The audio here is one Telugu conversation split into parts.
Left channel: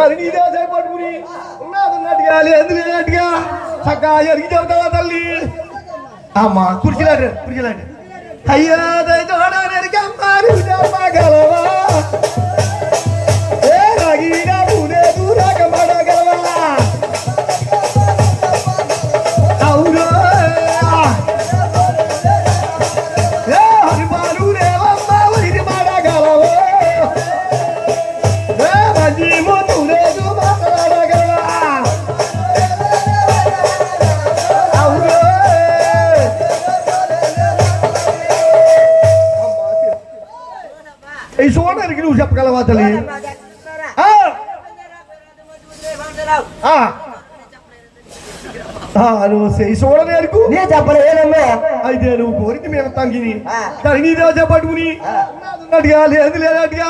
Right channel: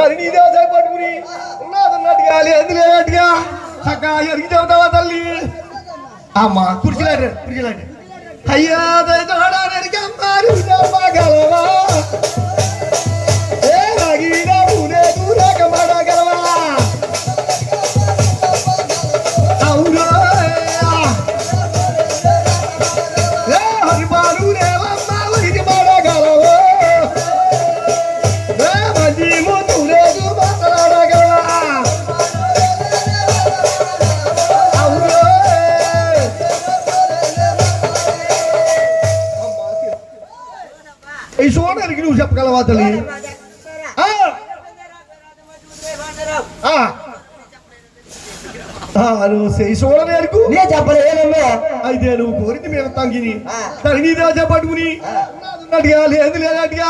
దాని నీదే చేపట్టుకుని ఉన్నదన్నట్టుగా లేదు లేనట్టుగా చక్కగా ఎరిగి చెబుతావా తల్లి అమ్మా కుర్చీలాడు కుర్చీలాడు అయ్యా దయతోడానికి అమ్మారి చెప్పగలవా తల్లి ఆ, ఆ. ఆ, నువ్వు ఈ సోదరికి నే చెప్పలేనమ్మా అయితే నువ్వు కోరిక మీద తంగిని. ఆ. కానీ నీదే చెప్పట్టుకుని అన్నట్టుగా లేదు లేనట్టుగా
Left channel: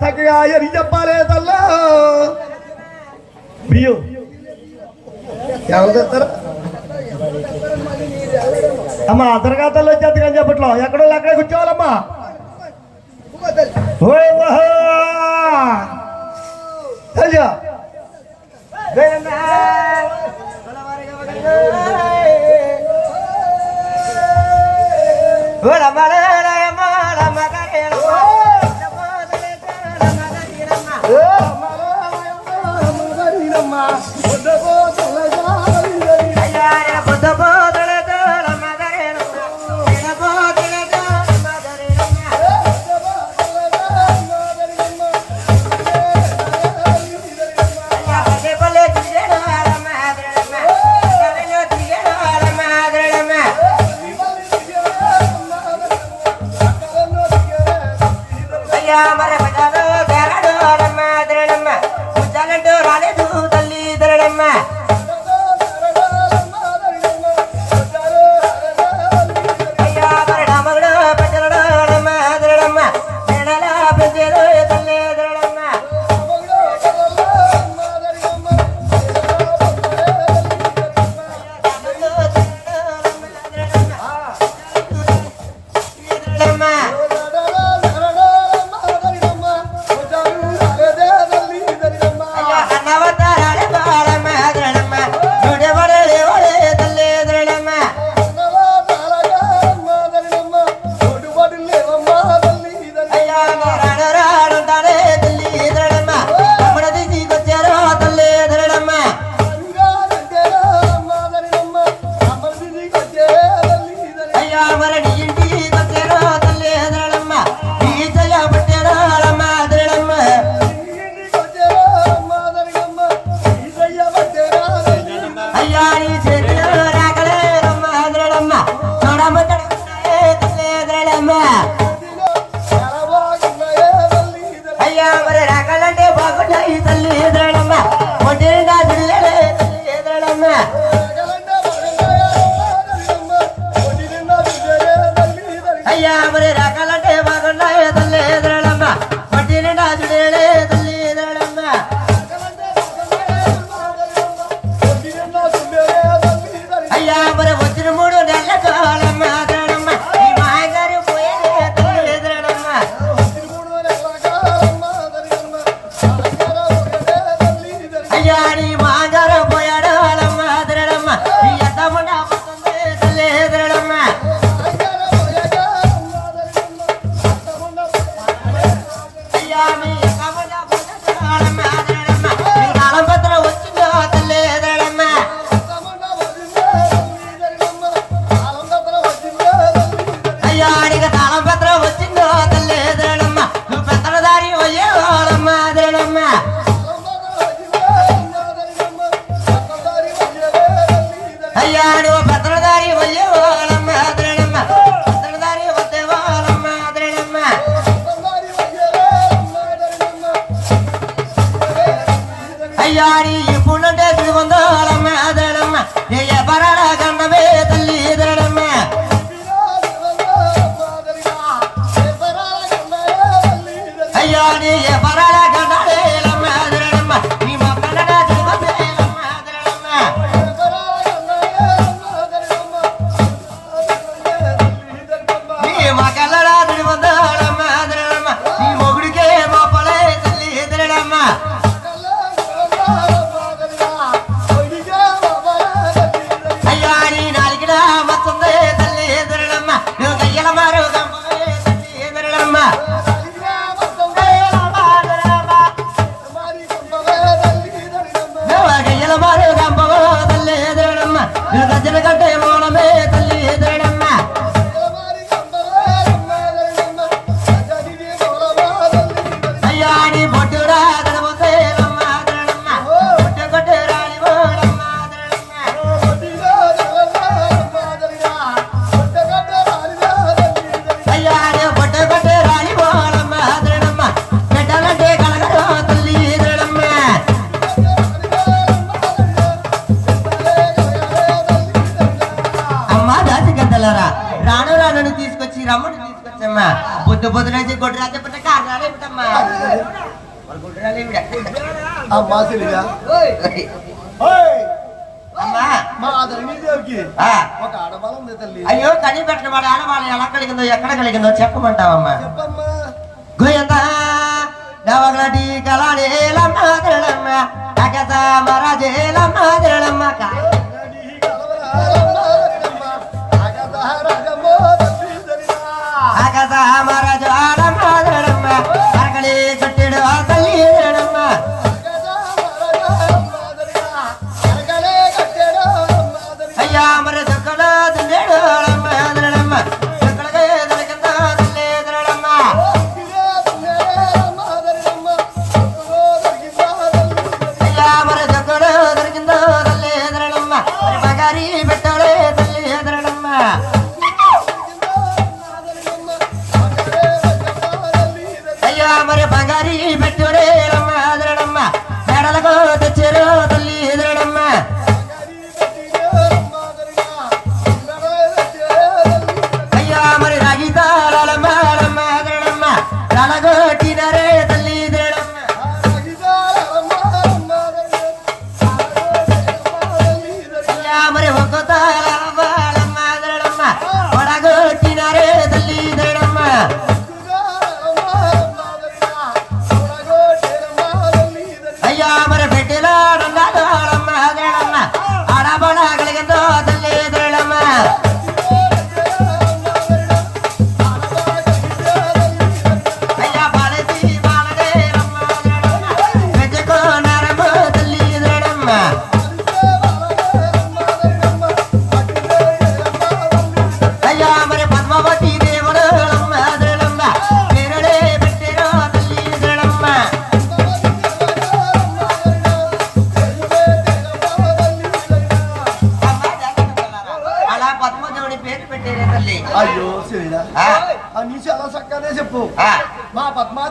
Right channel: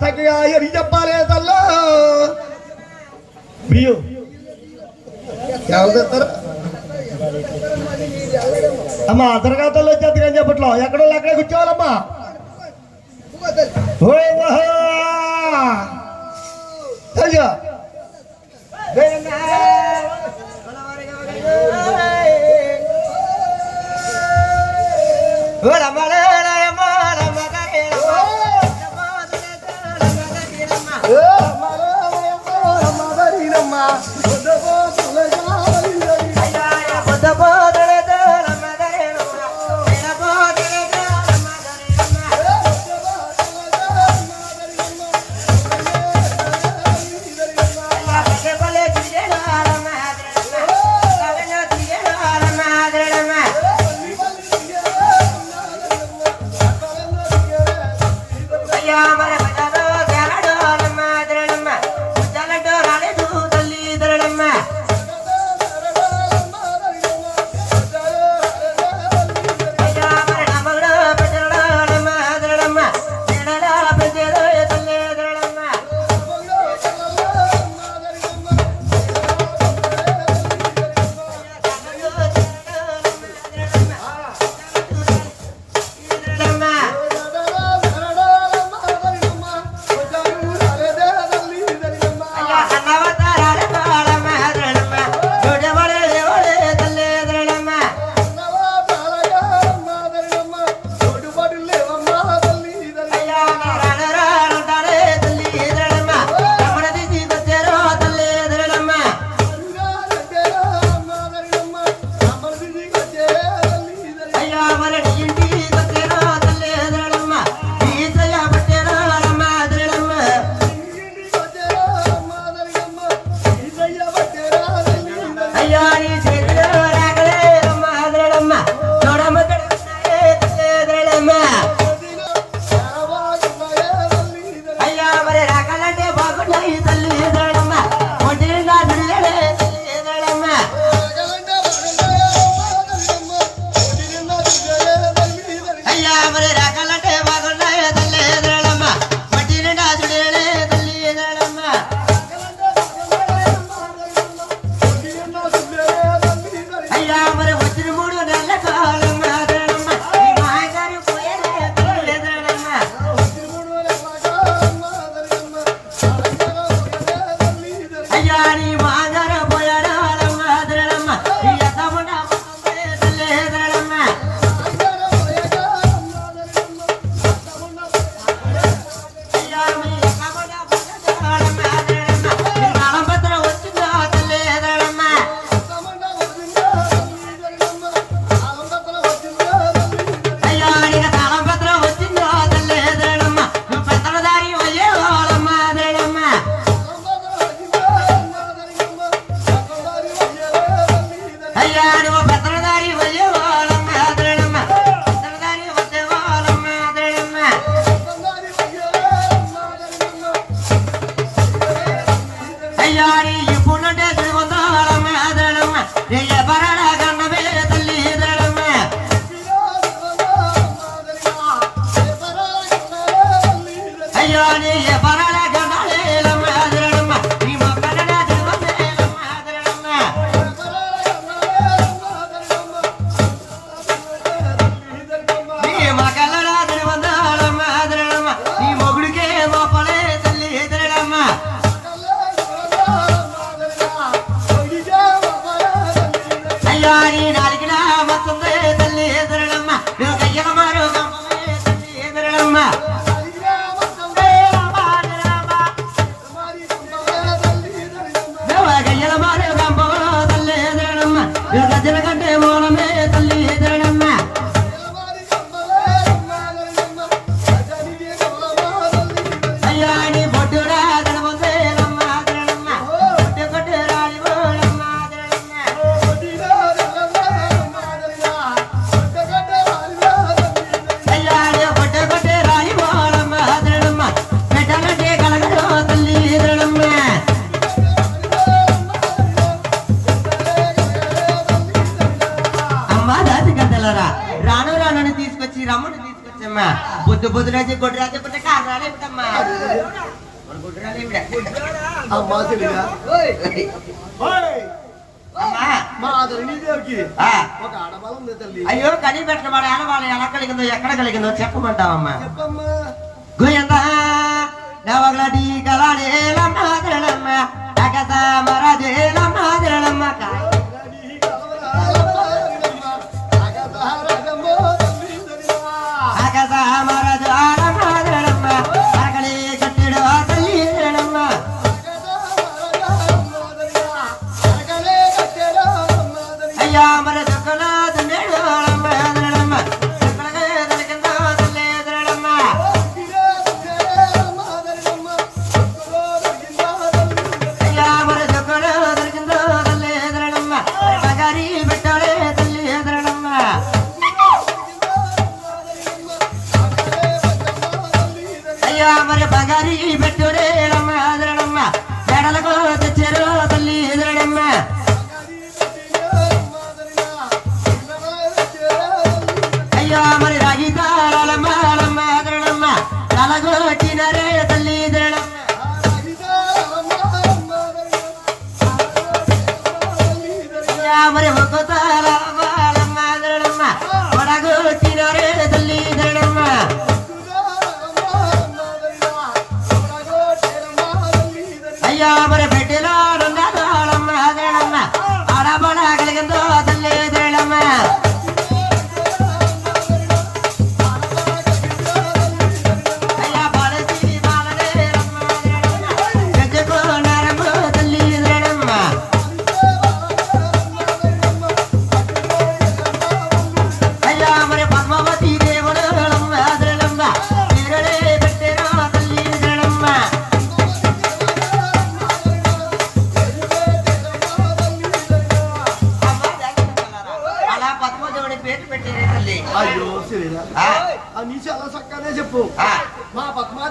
చక్కగా ఎరిగి చెప్పాలి తల్లా? బియ్యం. ఎవరు తెస్తారు? అమ్మా అతరగాతల్లో వచ్చేది కానీ చెప్పట్లో? ఎక్కడో అక్కడే కూర్చోవాలమ్మా. હોય વહાણ. I Yari ma. తీసుకొచ్చి రమ్మని తీసుకొచ్చమ్మా. బుద్ధ గొడ్రాజే పుట్ట పుట్టమ్మా ఉంది తల్లి. అయ్యో కనిపెట్టిన వాడు ఆడవాళ్ళు ఎలా కలిగిందో ఎక్కడ కలిగిందో చెప్పమంటావమ్మా. గుయంత నవగలటి కలాడేలమ్మ తిరళమ్మ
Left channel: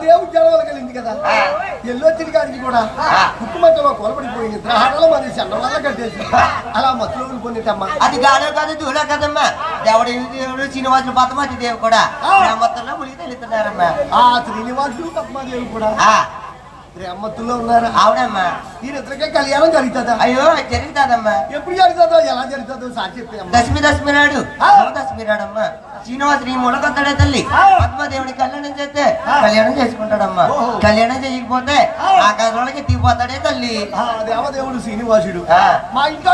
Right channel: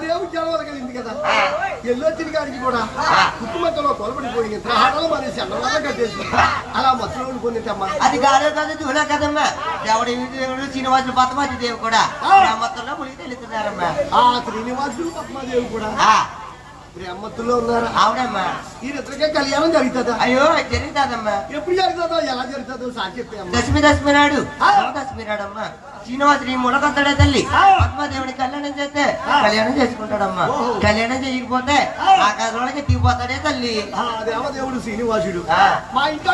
పద్మాదేవి ఉద్యోగం కలిగింది కదా. ఎల్లొచ్చిన కాడికి కూడా ఆ. కుటుంబంలో కొలబడిపోయింది. గ్రహాలలో మరి చంద్రవల్ల కట్టేసి. అలా మధ్యలో ఉండిపోయిందమ్మా అది కాదు కాదు దూల కదమ్మా. దేవుడు దేవుడు శ్రీనివాసులు పద్మావతి దేవి కూడా. గ్రామత్తుల్లో మునిగి తెలుస్తున్నారమ్మా ఆ శ్రీనివాసుడు పద్మాదేవి కూడా. బ్రహ్మత్తులో ఉన్నారా. అవునమ్మా ఈయనిద్దరికే కళ్యాణం జరుగుతుందా? అయ్యో జరుగుతుందమ్మా. ఎప్పుడు జరుగుతుందో ఎలా జరుగుతుందో సార్ చెప్పి దశమి దశమి నాడు. దశమి నాడు అమ్మా శ్రీనివాసు నీ ములకొస్తాడే తల్లి. ఆ. పద్మదేవుని కళ్యాణం చేస్తే. కళ్యాణం చేసుకుంటాడమ్మా. కళ్యాణం చేయకపోతే ఆ. కథలకి దిగిపోతాడే తల్లి. దేవదేవుడు శ్రీనివాసుడు. మా ఇంట్లో.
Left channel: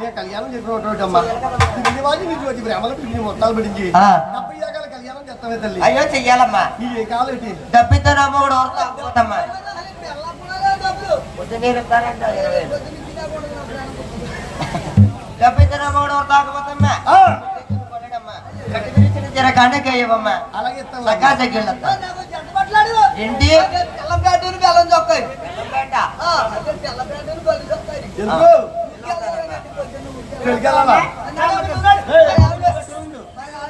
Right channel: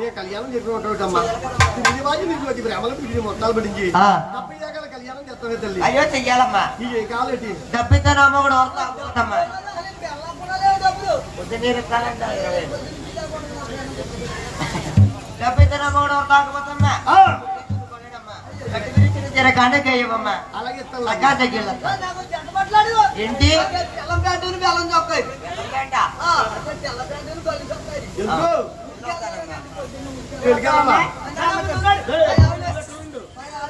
నేను కళ్యాణం చెప్పినట్టమ్మా శ్రీనివాసు నీకు వచ్చి బ్రహ్మలో పిలిచి మొత్తాలు పడించి. డెబ్బై తల్లి? అయ్యో చెయ్యాలమ్మా. ఈ ఏ కాలం ఏంటి? డబ్బిద్దరమ్మ కూడా వస్తామ్మా పొద్దున్నే చెప్తానంట ఇరవై డబ్బిద్దరమ్మ కూడా దగ్గర ఏంటి?